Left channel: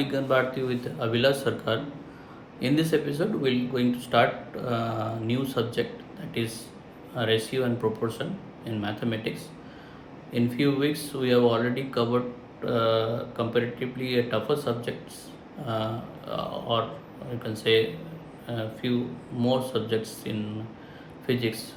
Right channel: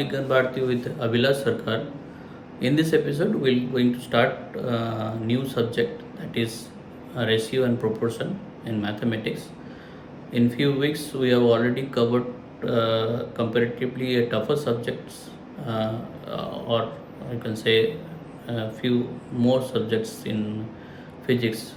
Vigyan Bharati with Abhilash Sarkar. In this episode, we're going to start a new subject, that is ratio and proportion in mathematics. In few weeks, we have already covered comparatively a tougher subjects, or you can say a few more subjects in physics,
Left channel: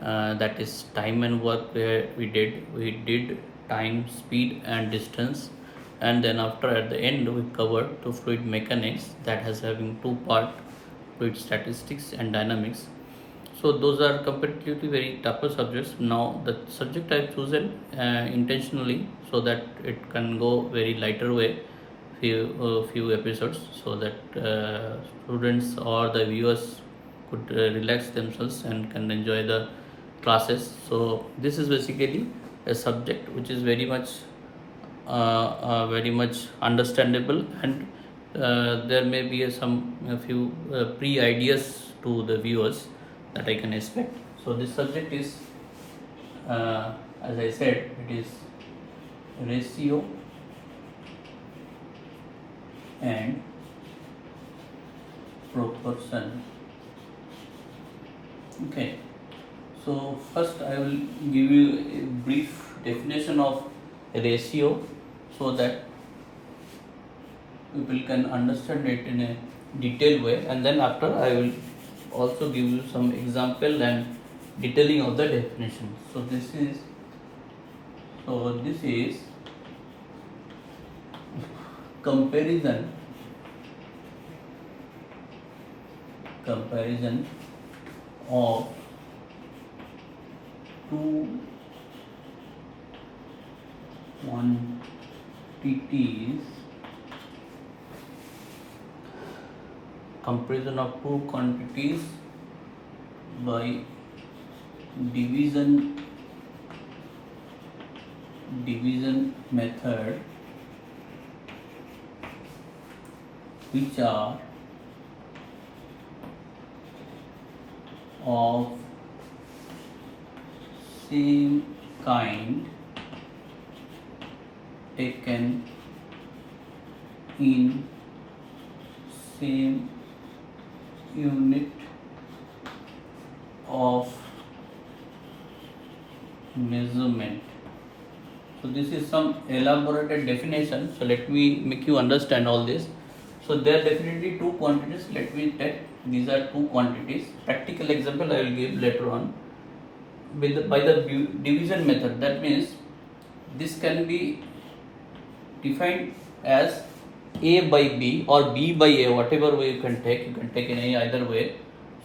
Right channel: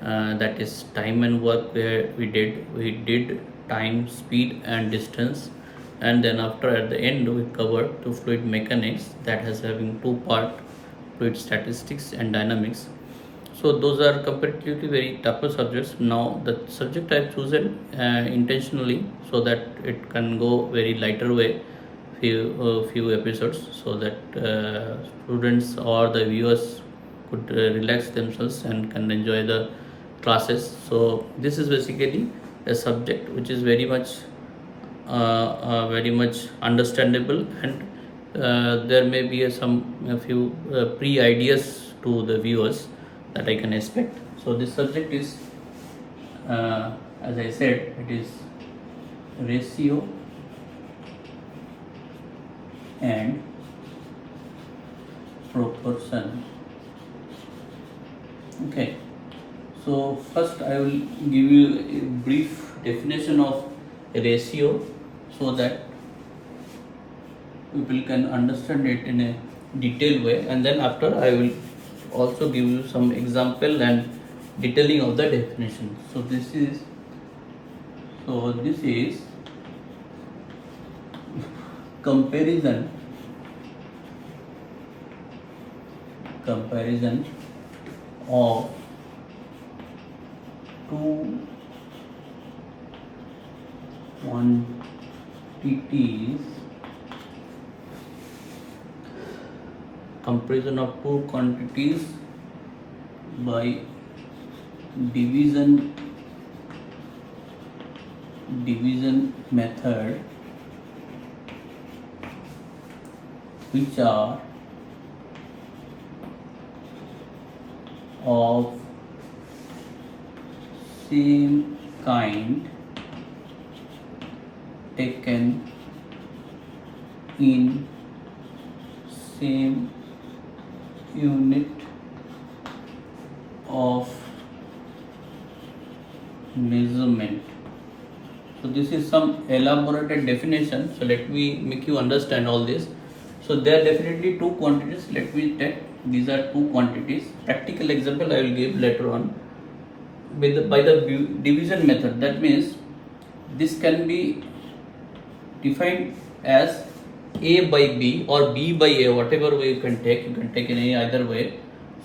that is time and work, where we did time, speed and distance, and then after at the end we covered to fluid mechanics, that has having two part, fluid statistics and dynamics. So those are comparatively very tougher subjects. Now the subject I've chosen intentionally, so that it can go very lighter way, few episodes, so that students or the viewers could relax themselves and can enjoy the classes. So this is basically a subject which is very much understandable, and there may be a few pre ideas to the viewers that I can expect. So this subject is, as I said, it is ratio and proportion. Okay. So first I will give you a brief definition of ratio, so that people can understand it in a detailed way, and then after I will also give you some example and detailing of the definition. So this is comparison of two quantities, comparison of two quantities by division method, which are of same kind, taken in same unit of measurement. So this is some elaborated definition, so let me make you understand all this. So there are definitely two quantities. Let me take, these are two quantities. Practical example I will give later on. By the division method, that means this can be defined as A by B or B by A, whatever way you can take in any either way.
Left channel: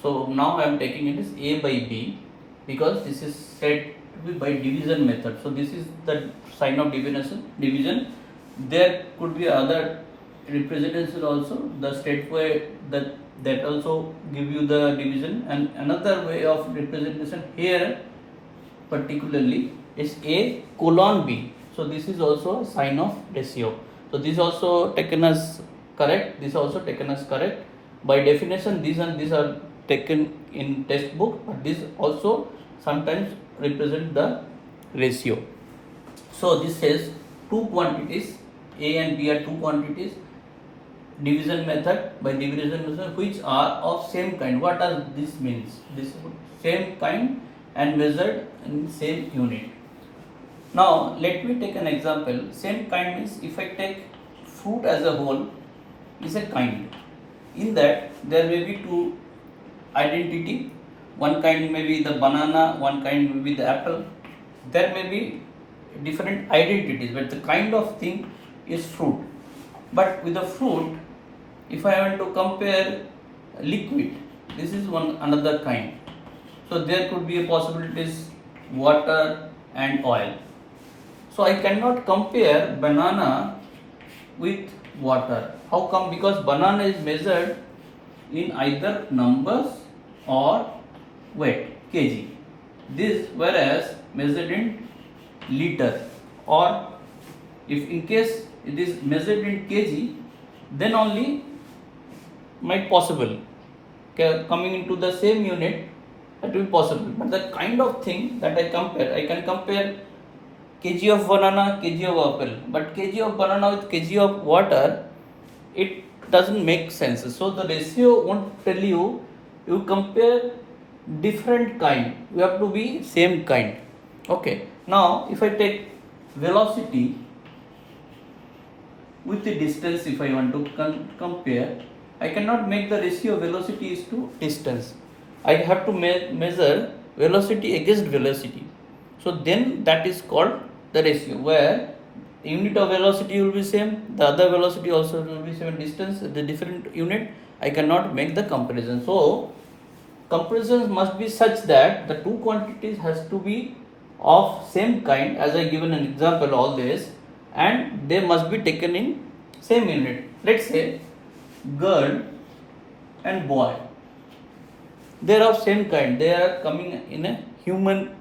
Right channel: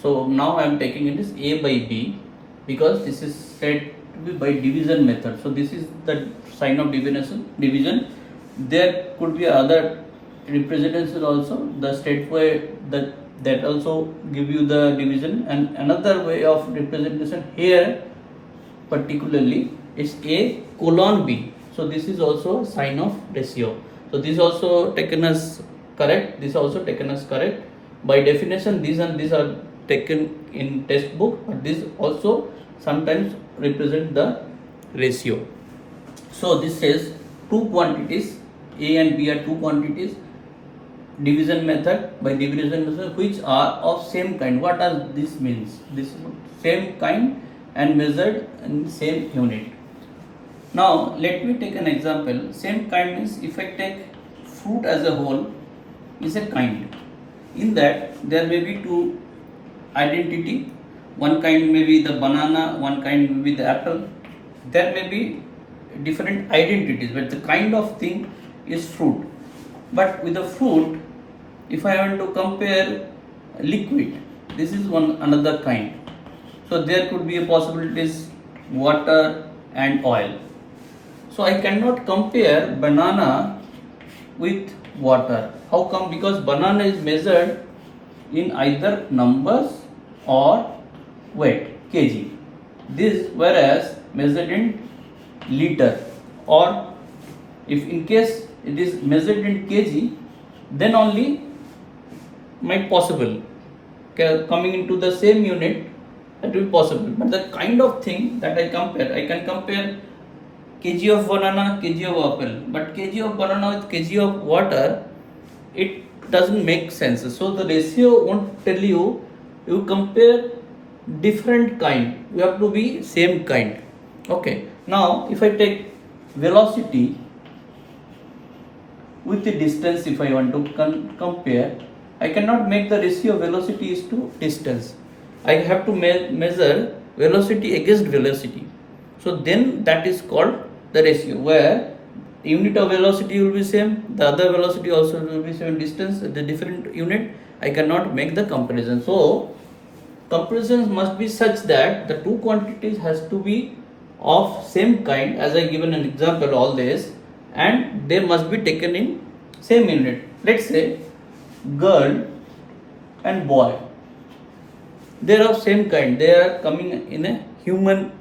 So now I am taking it as A by B, because this is said to be by division method. So this is the sign of division. There could be other representation also, the state way that also give you the division, and another way of representation here particularly is A colon B. So this is also a sign of ratio. So this also taken as correct, this also taken as correct. By definition, these and these are taken in textbook, but this also sometimes represent the ratio. So this says two quantities, A and B are two quantities, division method, by division method, which are of same kind. What does this means? This same kind and measured in same unit. Now let me take an example. Same kind means, if I take fruit as a whole is a kind. In that there may be two identity. One kind may be the banana, one kind may be the apple. There may be different identities, but the kind of thing is fruit. But with the fruit, if I want to compare liquid, this is one another kind. So there could be a possibilities water and oil. So I cannot compare banana with water. How come? Because banana is measured in either numbers or weight, kg. This whereas measured in liter, or if in case it is measured in kg, then only might possible coming into the same unit, that will be possible. But the kind of thing that I can compare kg of banana, kg of apple, but kg of banana with kg of water, it doesn't make sense. So the ratio won't tell you, you compare different kind, you have to be same kind. Okay, now if I take velocity with the distance, if I want to compare, I cannot make the ratio velocity is to distance. I have to measure velocity against velocity. So then that is called the ratio, where unit of velocity will be same, the other velocity also will be same, distance the different unit, I cannot make the comparison. So comparisons must be such that the two quantities has to be of same kind, as I given an example all this, and they must be taken in same unit. Let's say girl and boy, they are of same kind, they are coming in a human,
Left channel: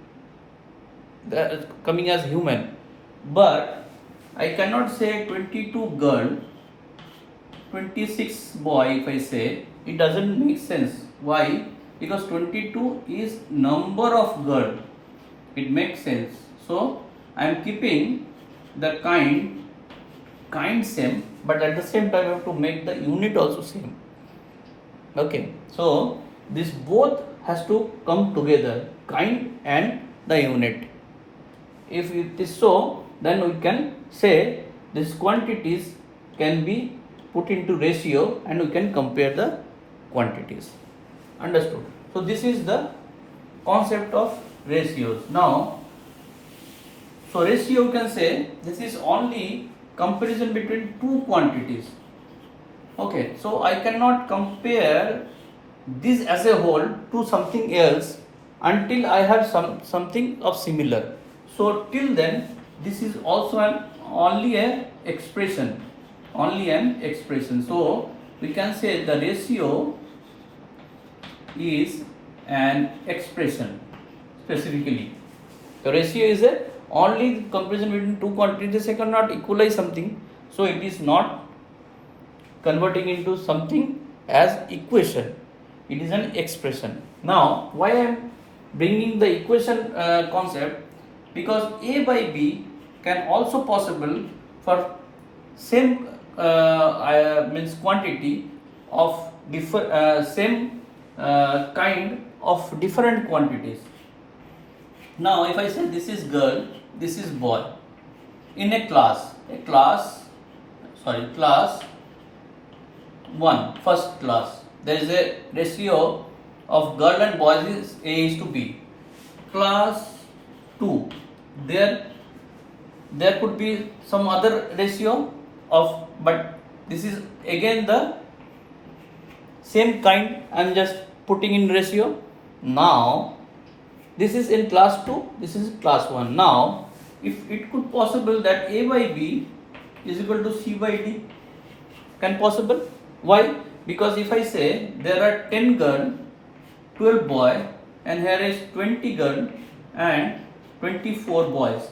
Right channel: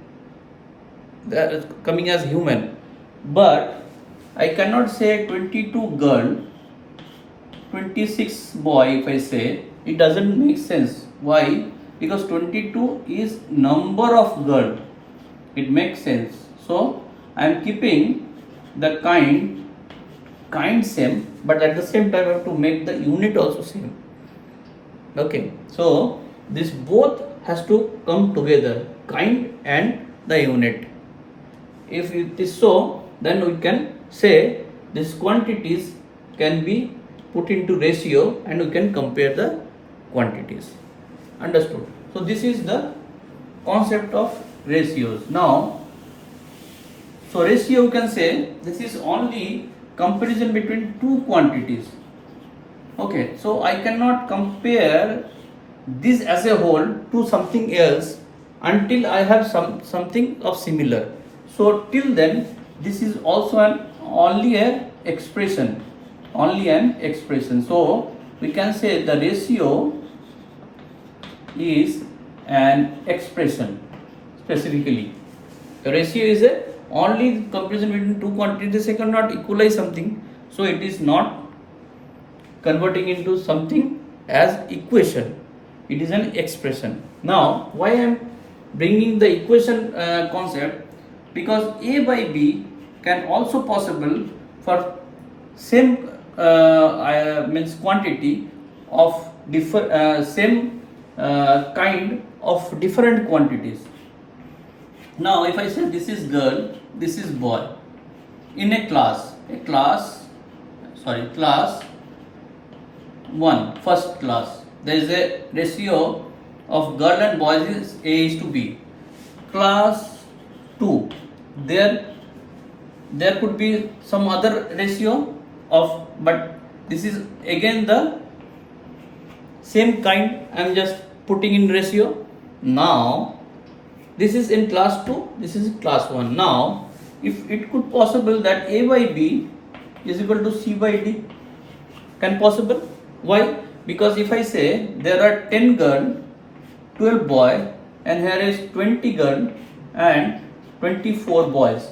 they are coming as human, but I cannot say 22 girl 26 boy. If I say, it doesn't make sense. Why? Because 22 is number of girl, it makes sense. So I am keeping the kind same, but at the same time I have to make the unit also same. Okay, so this both has to come together, kind and the unit. If it is so, then we can say these quantities can be put into ratio and we can compare the quantities. Understood? So this is the concept of ratios. Now, so ratio you can say this is only comparison between two quantities. Okay, so I cannot compare this as a whole to something else until I have something of similar. So till then, this is also only an expression, So we can say the ratio is an expression. Specifically, the ratio is a only comparison between two quantities. They cannot equalize something, so it is not converting into something as equation, it is an expression. Now why I am bringing the equation concept, because a by b can also possible for same means quantity of same kind of different quantities. Now if I say this is girl, this is boy, in a class 1, first class, there is a ratio of girl and boys is A is to B. Class 2, there could be some other ratio of, but this is again the same kind, I am just putting in ratio. Now this is in class 2, this is class 1. Now if it could possible that A by B is equal to C by D, can possible? Why? Because if I say there are 10 girl, 12 boy, and here is 20 girl and 24 boys,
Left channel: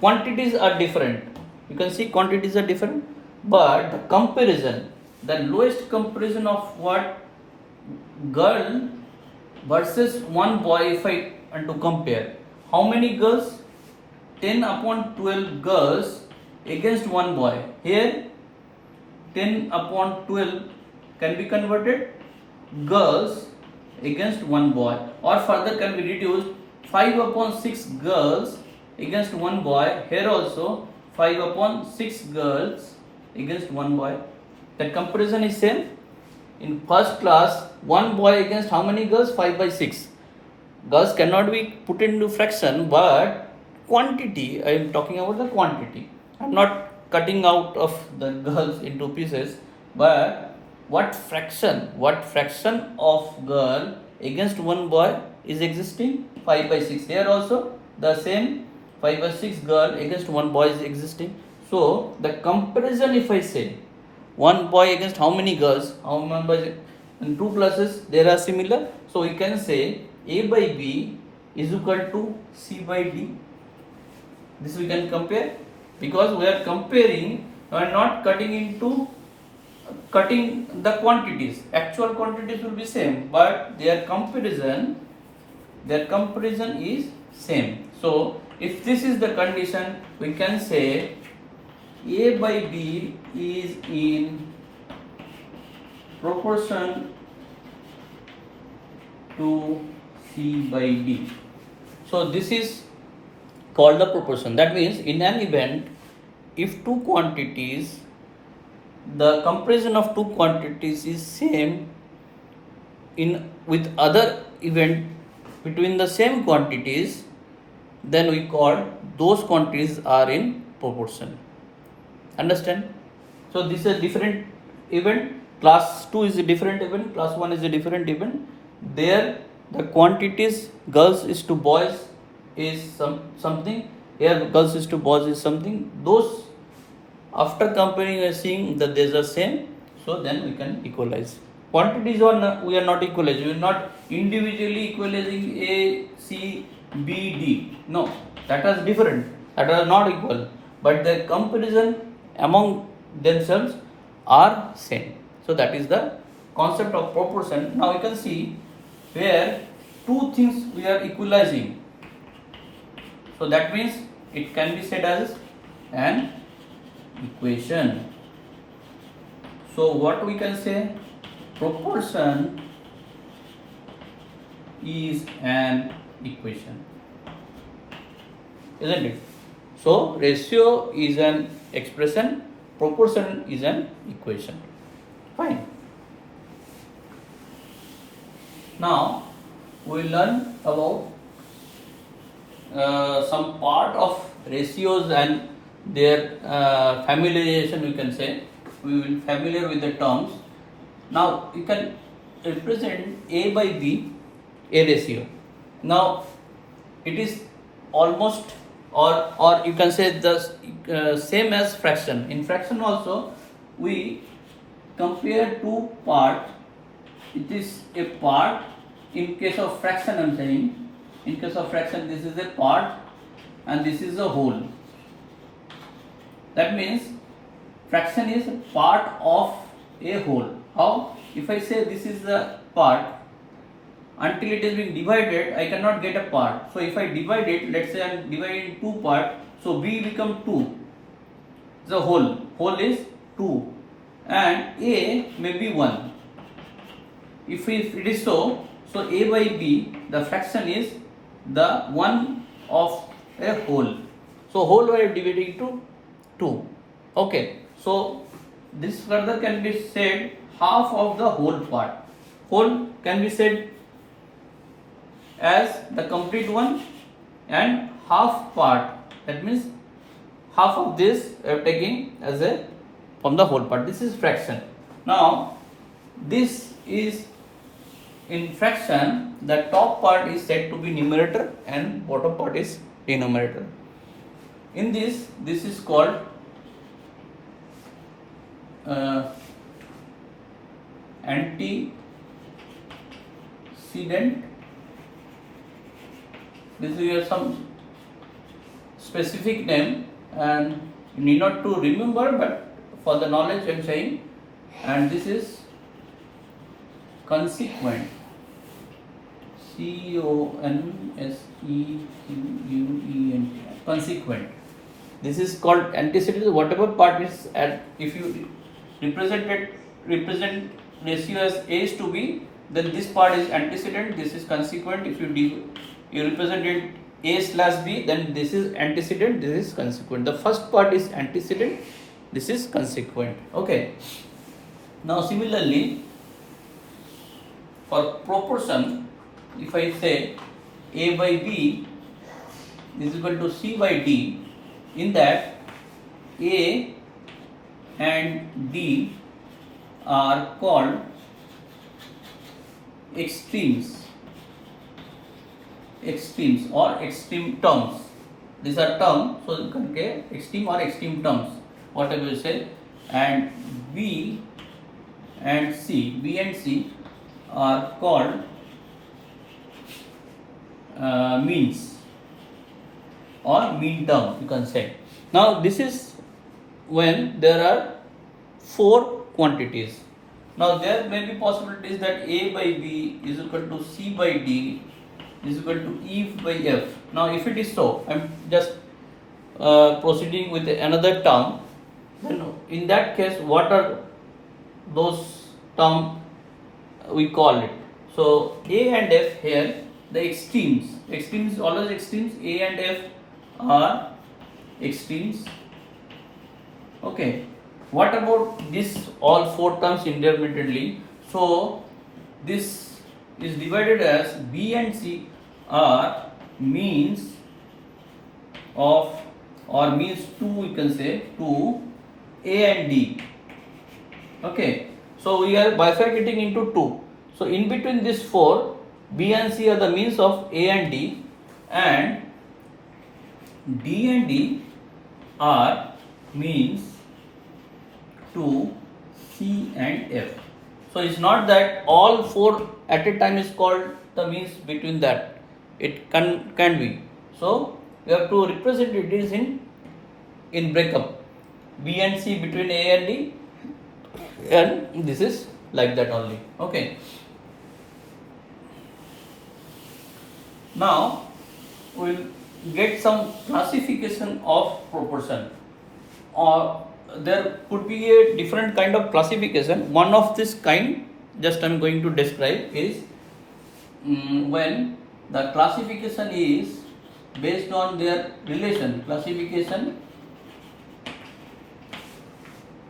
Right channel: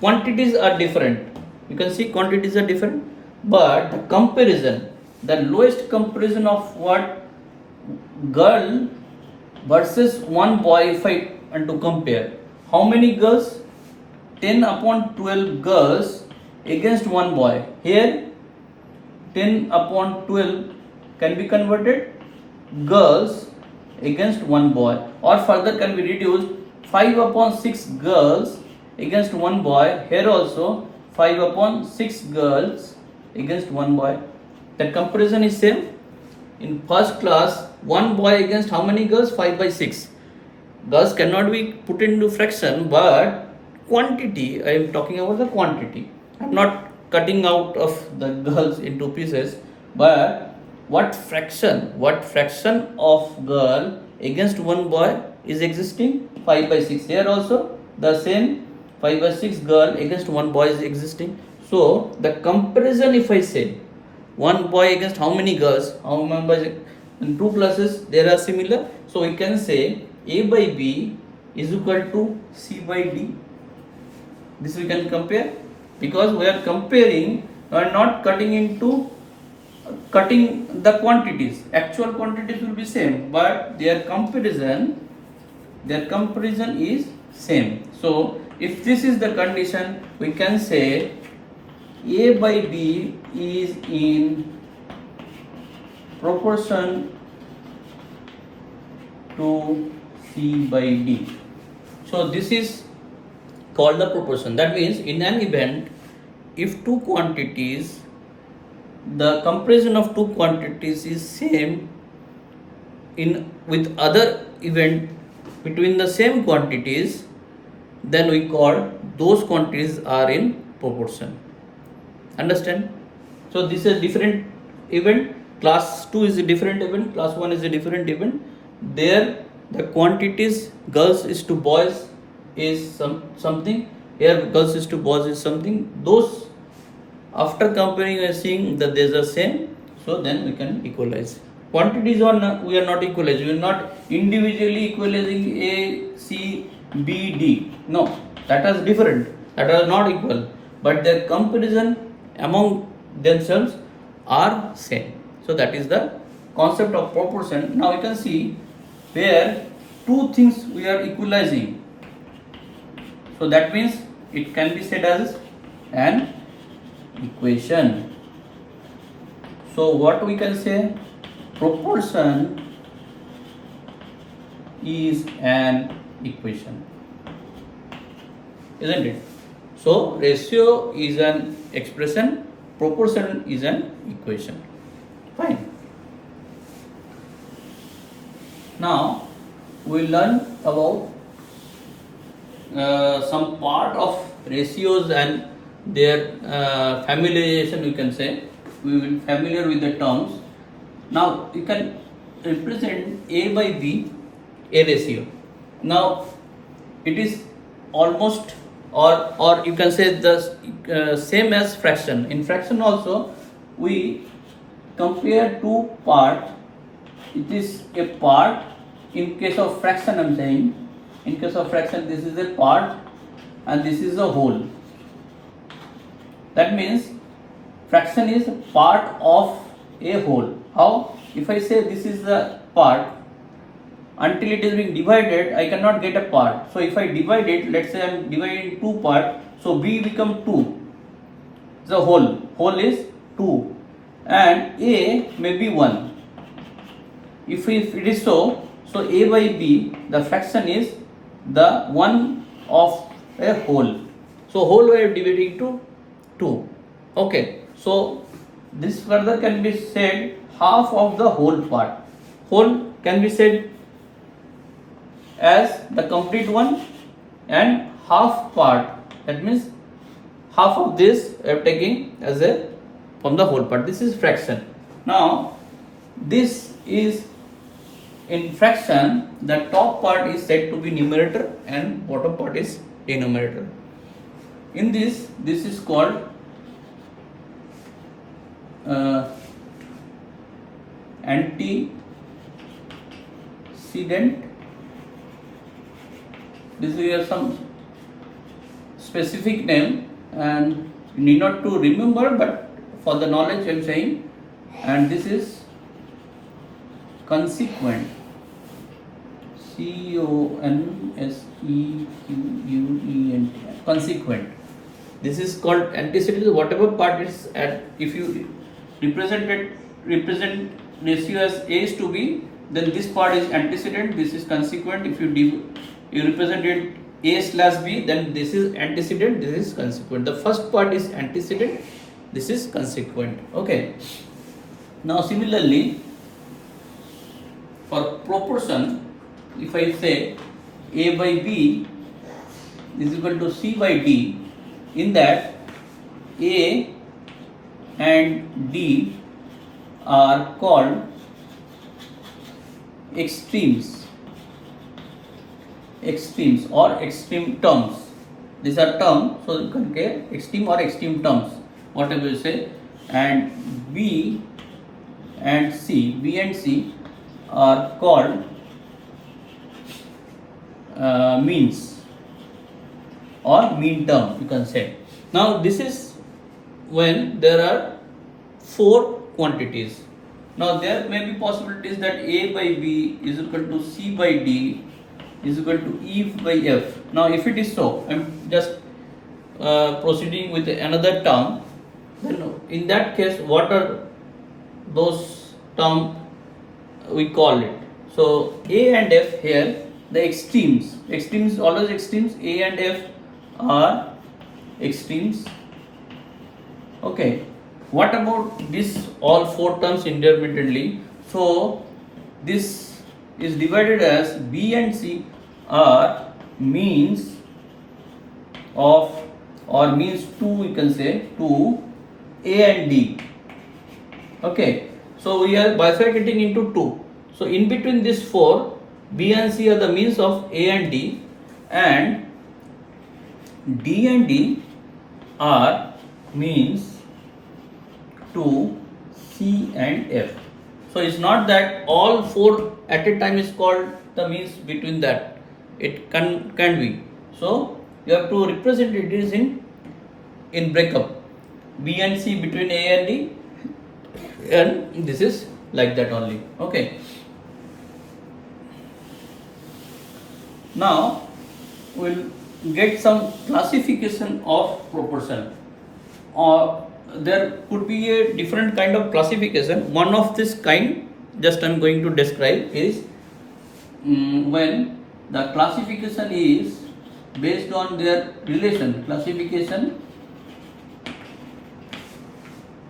quantities are different. You can see quantities are different, but the comparison, the lowest comparison of what girl versus one boy, if I want to compare, how many girls? 10 upon 12 girls against one boy. Here 10 upon 12 can be converted girls against one boy, or further can be reduced 5 upon 6 girls against one boy. Here also 5 upon 6 girls against one boy. The comparison is same. In first class, one boy against how many girls? 5 by 6. Girls cannot be put into fraction, but quantity, I am talking about the quantity. I am not cutting out of the girls into pieces, but what fraction of girl against one boy is existing? 5 by 6. Here also the same 5 by 6 girl against one boy is existing. So the comparison, if I say one boy against how many girls, how many boys in two classes, there are similar. So we can say A by B is equal to C by D. This we can compare, because we are comparing, we are not cutting the quantities. Actual quantities will be same, but their comparison is same. So if this is the condition, we can say A by B is in proportion to C by D. So this is called the proportion. That means in an event, if two quantities, the comparison of two quantities is same in with other event between the same quantities, then we call those quantities are in proportion. Understand? So this is a different event. Class 2 is a different event. Class 1 is a different event. There the quantities girls is to boys is something. Here girls is to boys is something. Those after comparing we are seeing that there's a same. So then we can equalize. Quantities on we are not equalizing. We are not individually equalizing A, C, B, D. No, that was different. That was not equal. But their comparison among themselves are same. So that is the concept of proportion. Now you can see where two things we are equalizing. So that means it can be said as an equation. So what we can say? Proportion is an equation, isn't it? So ratio is an expression, proportion is an equation. Fine. Now we learn about some part of ratios and their familiarization, you can say. We will be familiar with the terms. Now you can represent A by B, a ratio. Now it is almost or you can say the same as fraction. In fraction also we compare two parts. It is a part. In case of fraction I am saying, in case of fraction this is a part and this is a whole. That means fraction is part of a whole. How? If I say this is the part, until it is being divided I cannot get a part. So if I divide it, let's say I am dividing two parts, so B become 2. The whole is 2 and A may be 1. If it is so A by B, the fraction is the one of a whole. So whole we are dividing to 2. Okay, so this further can be said half of the whole part. Whole can be said as the complete one and half part. That means half of this we are taking as a from the whole part. This is fraction. Now this is in fraction, the top part is said to be numerator and bottom part is denominator. In this is called antecedent. This we have some specific name and you need not to remember, but for the knowledge I am saying. And this is consequent. Consequent. Consequent. This is called antecedent. Whatever part is at, if you represent ratio as A is to B, then this part is antecedent. This is consequent. If you represent it A slash B, then this is antecedent. This is consequent. The first part is antecedent. This is consequent. Okay. Now similarly, for proportion, if I say A by B is equal to C by D, in that A and D are called extremes or extreme terms. These are terms, so you can get extreme or extreme terms, whatever you say. And B and C are called means or mean term, you can say. Now this is when there are 4 quantities. Now there may be possibilities that A by B is equal to C by D is equal to E by F. Now if it is so, I am just proceeding with another term. then in that case what are those terms we call it? So A and F here, the extremes always extremes, A and F are extremes. Okay, what about this all four terms intermittently? So this is divided as B and C are means of, or means to, we can say, to A and D. Okay, so we are bifurcating into two. So in between these four, B and C are the means of A and D, and D are means to C and F. So it's not that all four at a time is called the means between that. It can be. So you have to represent it is in breakup. B and C between A and D, and this is like that only. Okay. Now we'll get some classification of proportion, or there could be a different kind of classification. One of this kind, just I'm going to describe, is when the classification is based on their relation. Classification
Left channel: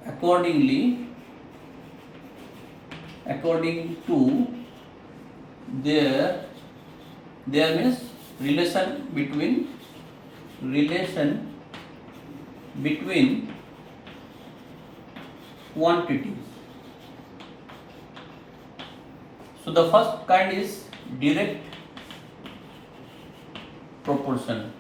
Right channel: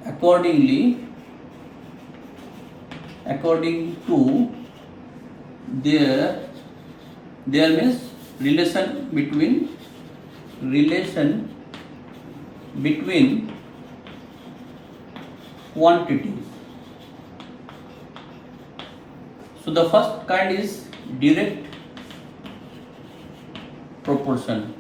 according to their means relation between quantities. So the first kind is direct proportion.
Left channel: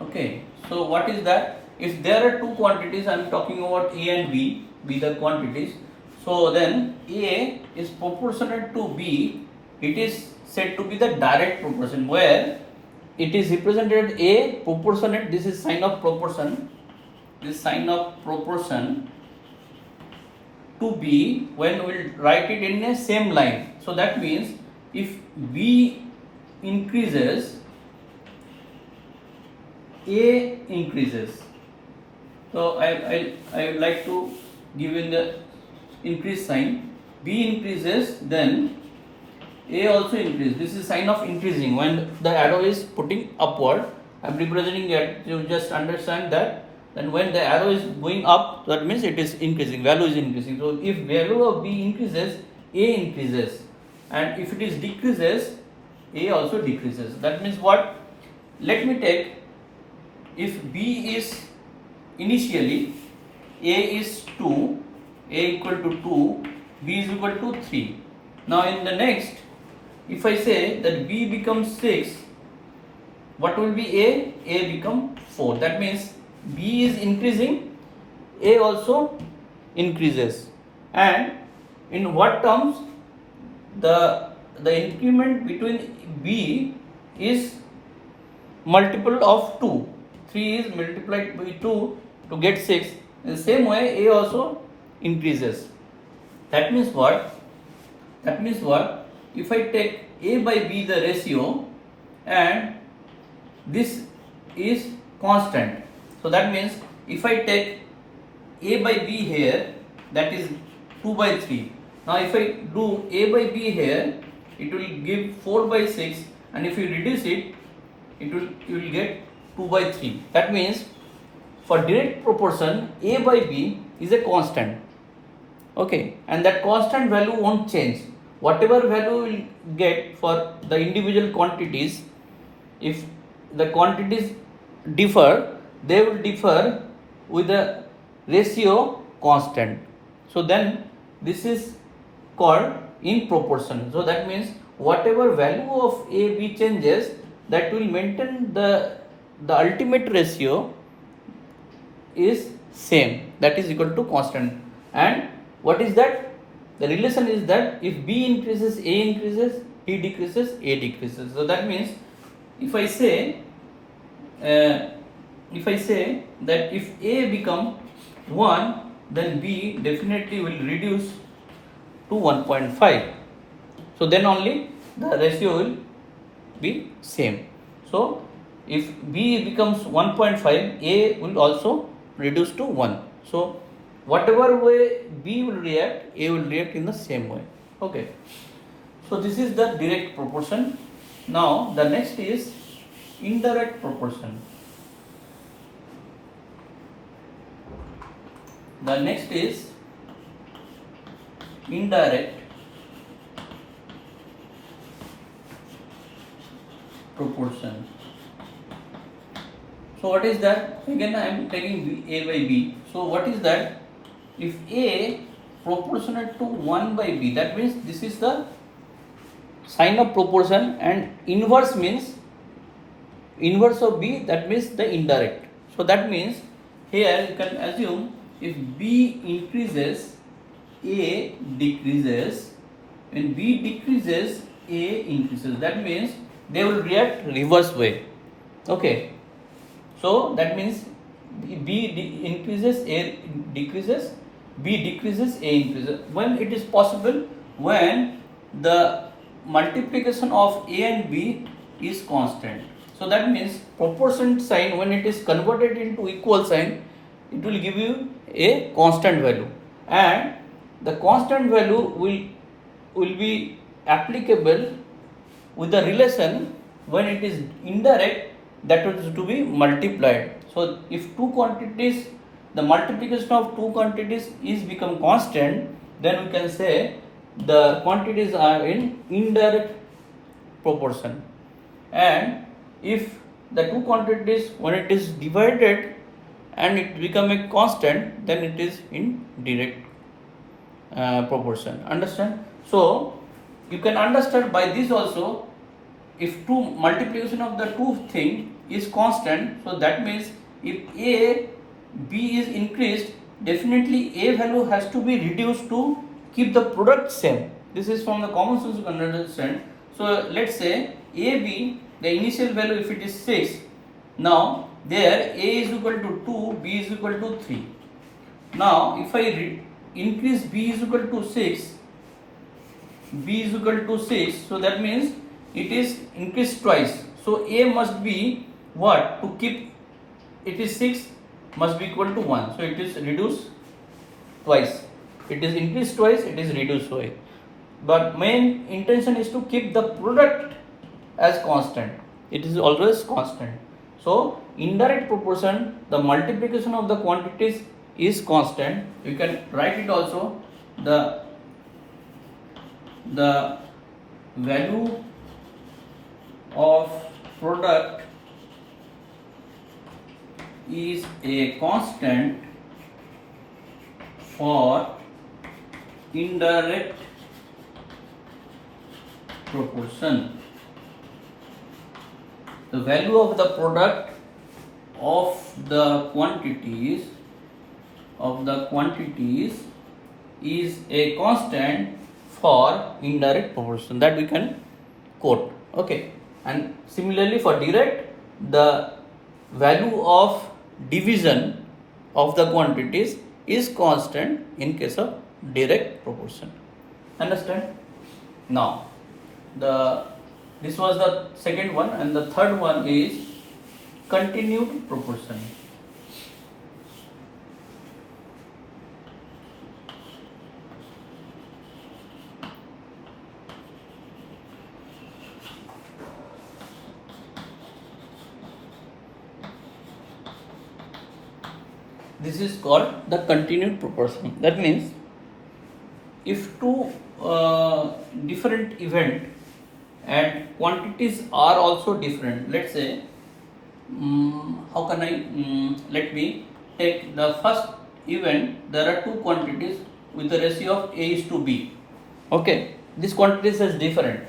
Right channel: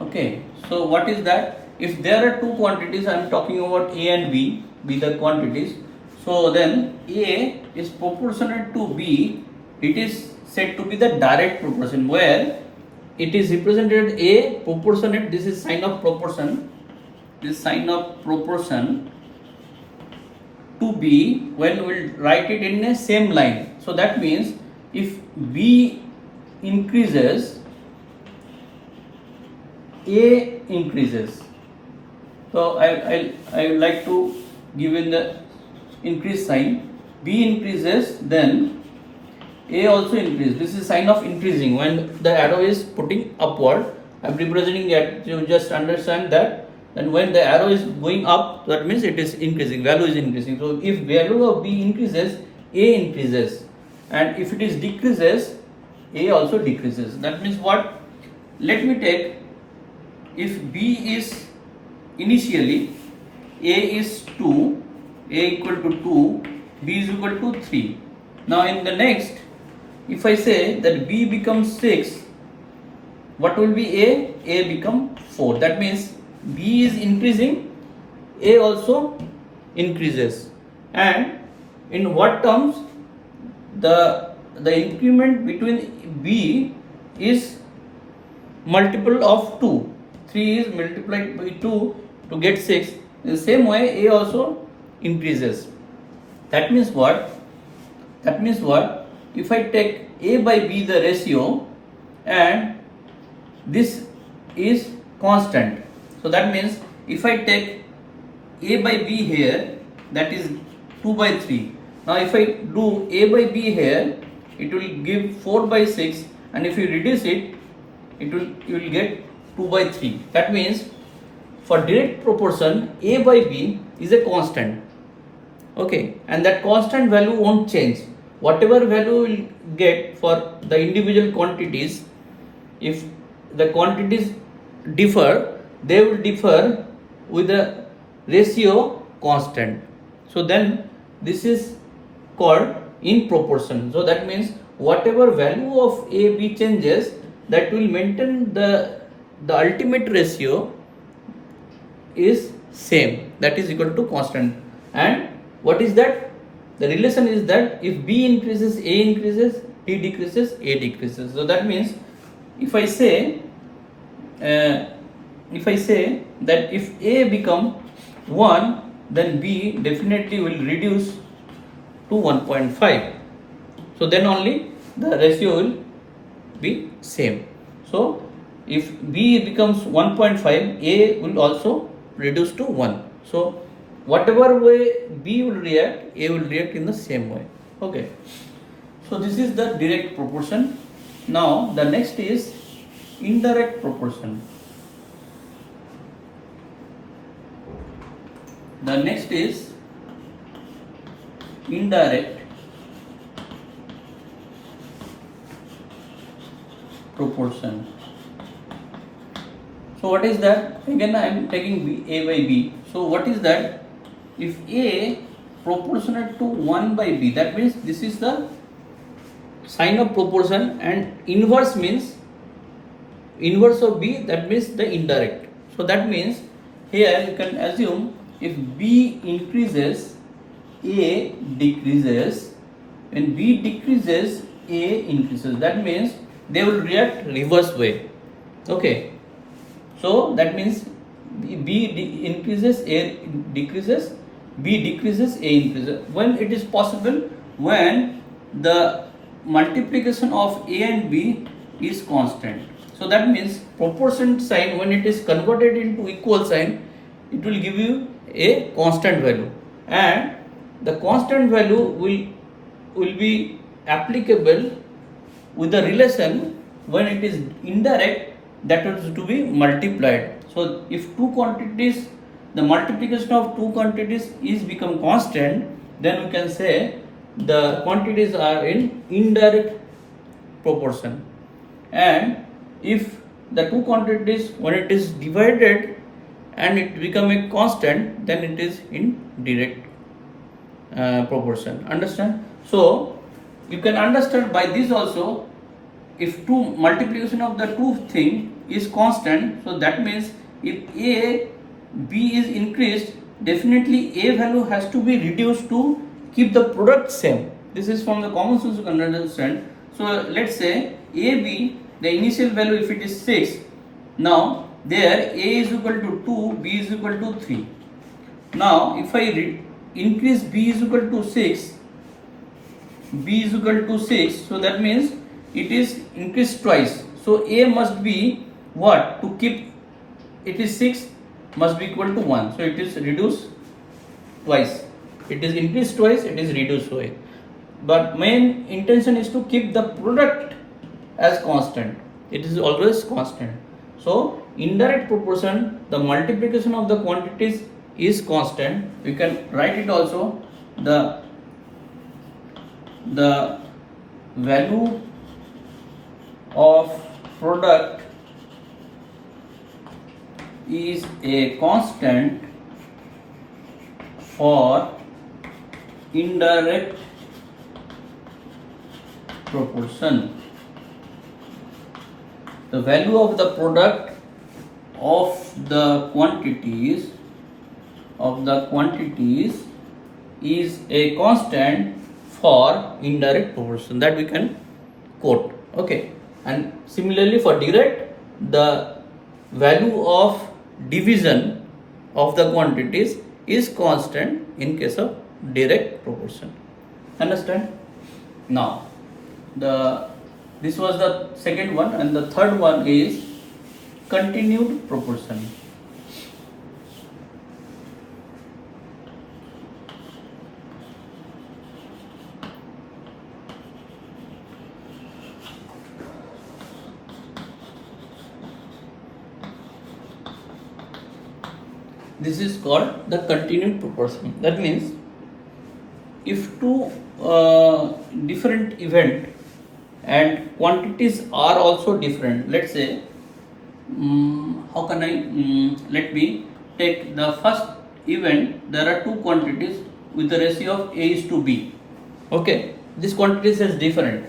Okay, so what is that? If there are two quantities, I am talking about A and B, be the quantities. So then A is proportionate to B. It is said to be the direct proportion, where it is represented A proportionate. This is sign of proportion. This sign of proportion to B when we'll write it in a same line. So that means if B increases, A increases. So I would like to give in the increase sign. B increases, then A also increases. This is sign of increasing. When the arrow is putting upward, I am representing that. You just understand that. And when the arrow is going up, that means it is increasing. Value is increasing. So if value of B increases, A increases, and if it is decreases, A also decreases. That means what? Let me take, if B is initially A is 2, A equal to 2, B is equal to 3. Now in the next, if I say that B becomes 6, what will be A? A become 4. That means B is increasing, A also increases. And in what terms? The increment between B is multiple of 2. 3 is multiplied by 2 to get 6. In the same way, A also increases. That means what? If I take A by B the ratio, and this is constant. So that means if I take A by B here, that is 2 by 3. Now if I do A by B here, it will give 4 by 6, and if you reduce it, you will get 2 by 3. That means for direct proportion, A by B is a constant. Okay, and that constant value won't change. Whatever value will get for the individual quantities, if the quantities differ, they will differ with the ratio constant. So then this is called in proportion. So that means whatever value of A, B changes, that will maintain the ultimate ratio is same, that is equal to constant. And what is that? The relation is that if B increases, A increases, B decreases, A decreases. So that means if I say that if A become 1, then B definitely will reduce to 1.5. So then only the ratio will be same. So if B becomes 1.5, A will also reduce to 1. So whatever way B will react, A will react in the same way. Okay. So this is the direct proportion. Now the next is indirect proportion. The next is indirect proportion. So what is that? Again I am taking A by B. So what is that? If A proportionate to 1 by B, that means this is the sign of proportion, and inverse means inverse of B, that means the indirect. So that means here you can assume if B increases, A decreases. When B decreases, A increases. That means they will react reverse way. Okay. So that means B increases, A decreases, B decreases, A increases. When it is possible? When the multiplication of A and B is constant. So that means proportion sign, when it is converted into equal sign, it will give you a constant value, and the constant value will be applicable with the relation when it is indirect, that is to be multiplied. So if two quantities, the multiplication of two quantities is become constant, then we can say the quantities are in indirect proportion. And if the two quantities, when it is divided and it become a constant, then it is in direct proportion. Understand? So you can understand by this also, if two multiplication of the two thing is constant, so that means if B is increased, definitely A value has to be reduced to keep the product same. This is from the common sense you can understand. So let's say AB, the initial value if it is 6, now there A is equal to 2, B is equal to 3. Now if I increase B is equal to 6, B is equal to 6, so that means it is increased twice. So A must be what? To keep it is 6 must be equal to 1. So it is reduced twice. It is increased twice, it is reduced twice. But main intention is to keep the product as constant. It is always constant. So indirect proportion, the multiplication of the quantities is constant. You can write it also, the value of product is a constant for indirect proportion. The value of the product of the quantities is a constant for indirect proportion, that we can quote. Okay. And similarly for direct, the value of division of the quantities is constant in case of direct proportion. Understand? Now this was the second one, and the third one is continued proportion. This is called the continued proportion. That means if two different event and quantities are also different, let's say how can I let me take the first event. There are two quantities with the ratio of A is to B. Okay, this quantities is different.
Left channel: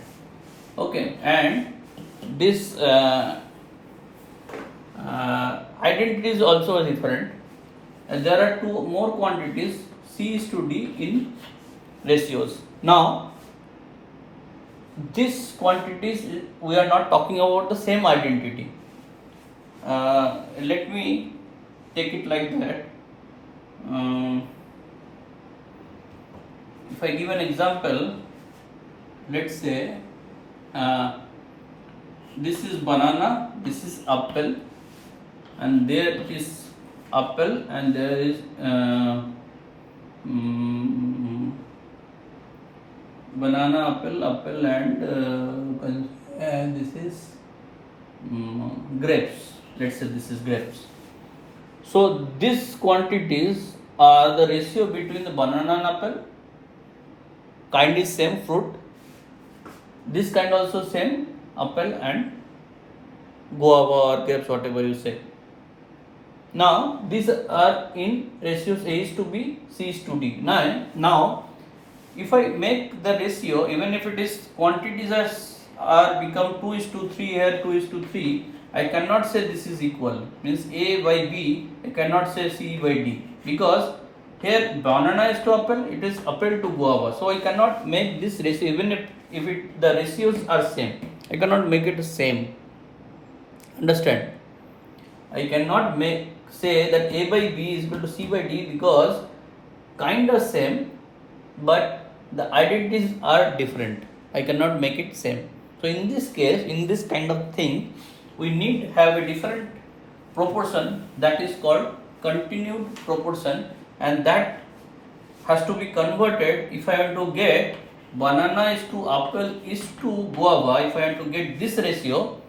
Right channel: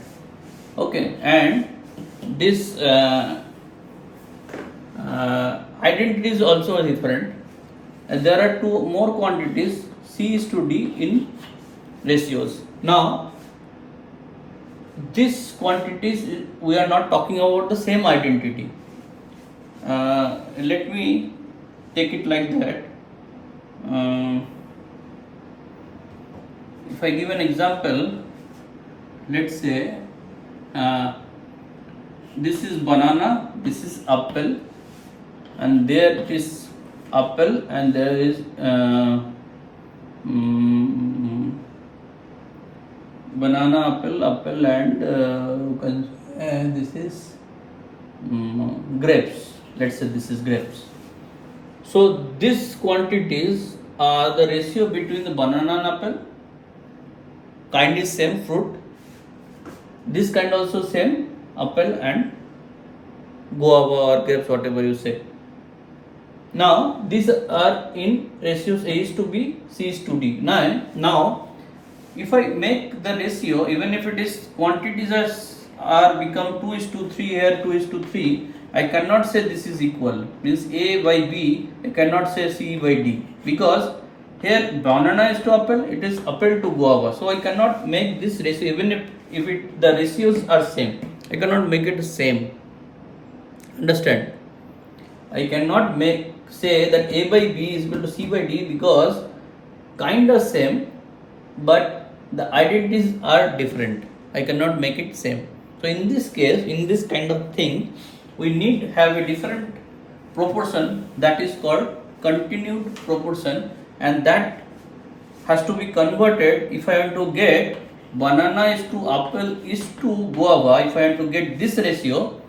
Okay, and this identity is also different. And there are two more quantities, C is to D, in ratios. Now these quantities, we are not talking about the same identity. Let me take it like that. If I give an example, let's say this is banana, this is apple, and there it is apple and there is banana, apple and this is grapes. Let's say this is grapes. So these quantities are the ratio between the banana and apple. Kind is same fruit. This kind also same apple and guava or grapes, whatever you say. Now these are in ratios A is to B, C is to D. Now if I make the ratio, even if it is quantities are become 2 is to 3 here, 2 is to 3, I cannot say this is equal. Means A by B, I cannot say C by D, because here banana is to apple, it is apple to guava. So I cannot make this ratio, even if the ratios are same, I cannot make it same. Understand? I cannot say that A by B is equal to C by D, because kind of same, but the identities are different. I cannot make it same. So in this case, in this kind of thing, we need to have a different proportion, that is called continued proportion, and that has to be converted. If I want to get banana is to apple is to guava, if I want to get this ratio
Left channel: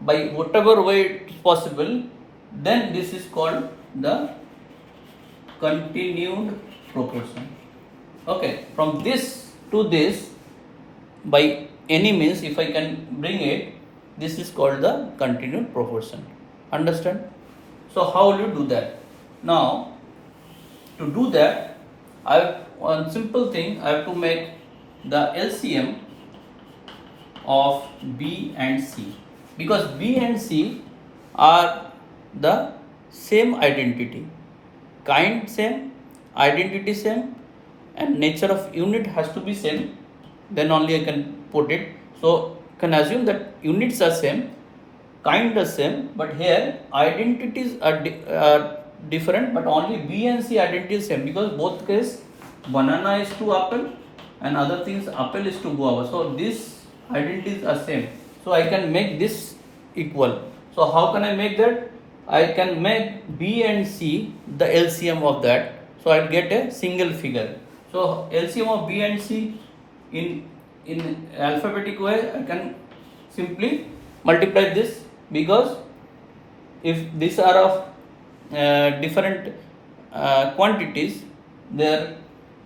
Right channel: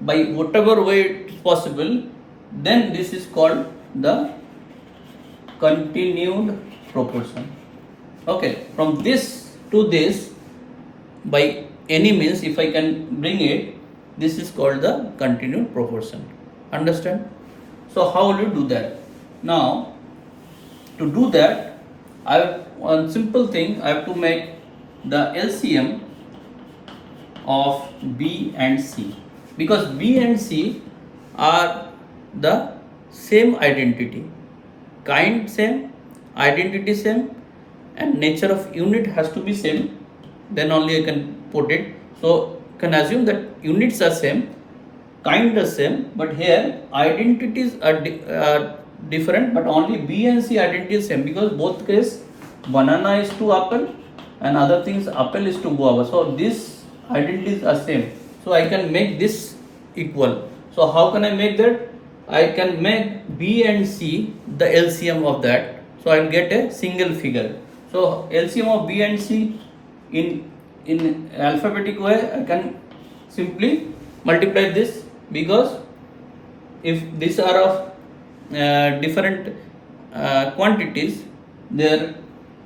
by whatever way it is possible, then this is called the continued proportion. Okay, from this to this, by any means, if I can bring it, this is called the continued proportion. Understand? So how will you do that? Now, to do that, I have one simple thing. I have to make the LCM of B and C, because B and C are the same identity, kind same, identity same, and nature of unit has to be same, then only I can put it. So you can assume that units are same, kind are same, but here identities are different, but only B and C identity is same, because both case banana is to apple and other things apple is to guava. So these identities are same. So I can make this equal. So how can I make that? I can make B and C the LCM of that. So I'll get a single figure. So LCM of B and C in alphabetic way, I can simply multiply this, because if these are of different quantities, their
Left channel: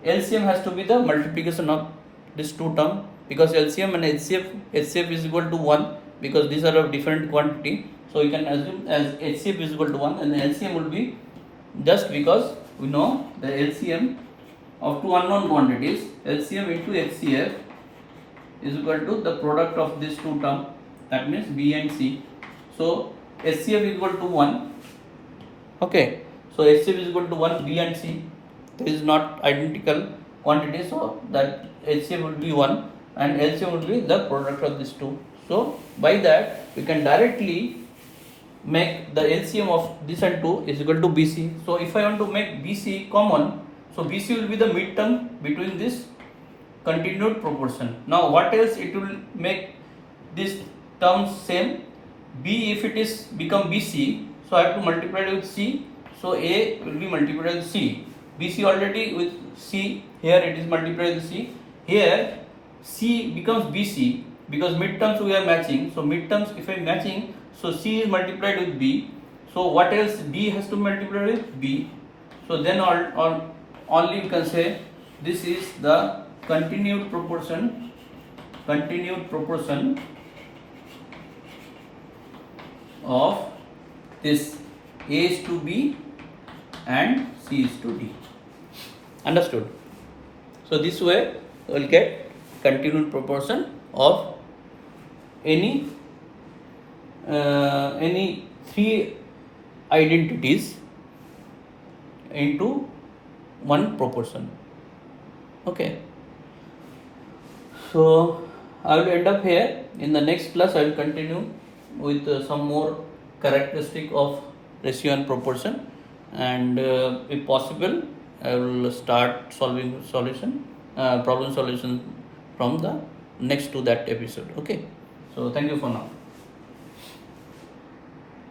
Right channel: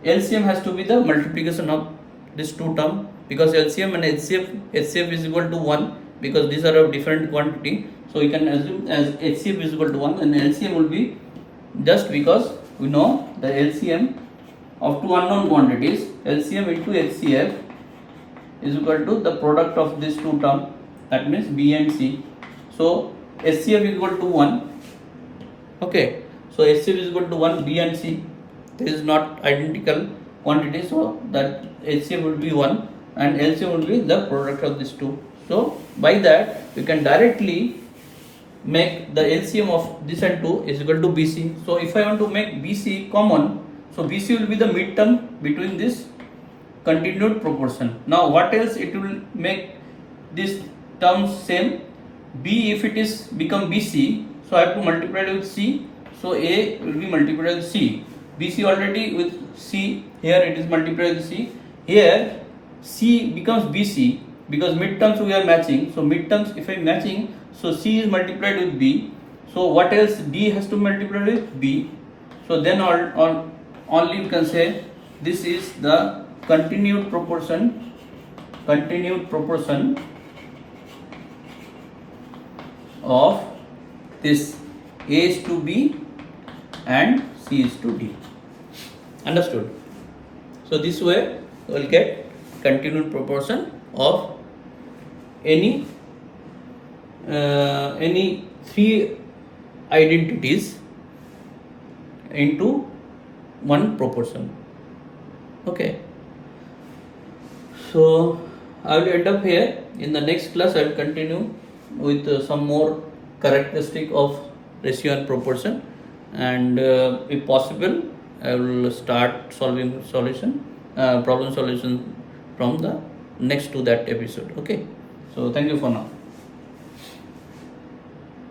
LCM has to be the multiplication of this two term, because LCM and HCF is equal to 1, because these are of different quantity. So you can assume as HCF is equal to 1, and LCM will be, just because we know the LCM of two unknown quantities, LCM into HCF is equal to the product of these two terms, that means B and C. So HCF is equal to 1. Okay, so HCF is equal to 1, B and C. This is not identical quantity, so that HCF will be 1 and LCM will be the product of these two. So by that we can directly make the LCM of this and 2 is equal to BC. So if I want to make BC common, so BC will be the midterm between this continued proportion. Now what else it will make these terms same? B, if it is become BC, so I have to multiply it with C, so A will be multiplied with C. BC already with C, here it is multiplied with C. Here C becomes BC, because midterms we are matching. So midterms if I am matching, so C is multiplied with B. So what else D has to multiply with B. So then only you can say this is the continued proportion of this A is to B and C is to D. Understood? So this way you will get continued proportion of any three identities into one proportion. Okay. So I will end up here. In the next class I will continue with some more characteristic of ratio and proportion, and if possible I will start solving problem solution from the next to that episode. Okay, so thank you for now.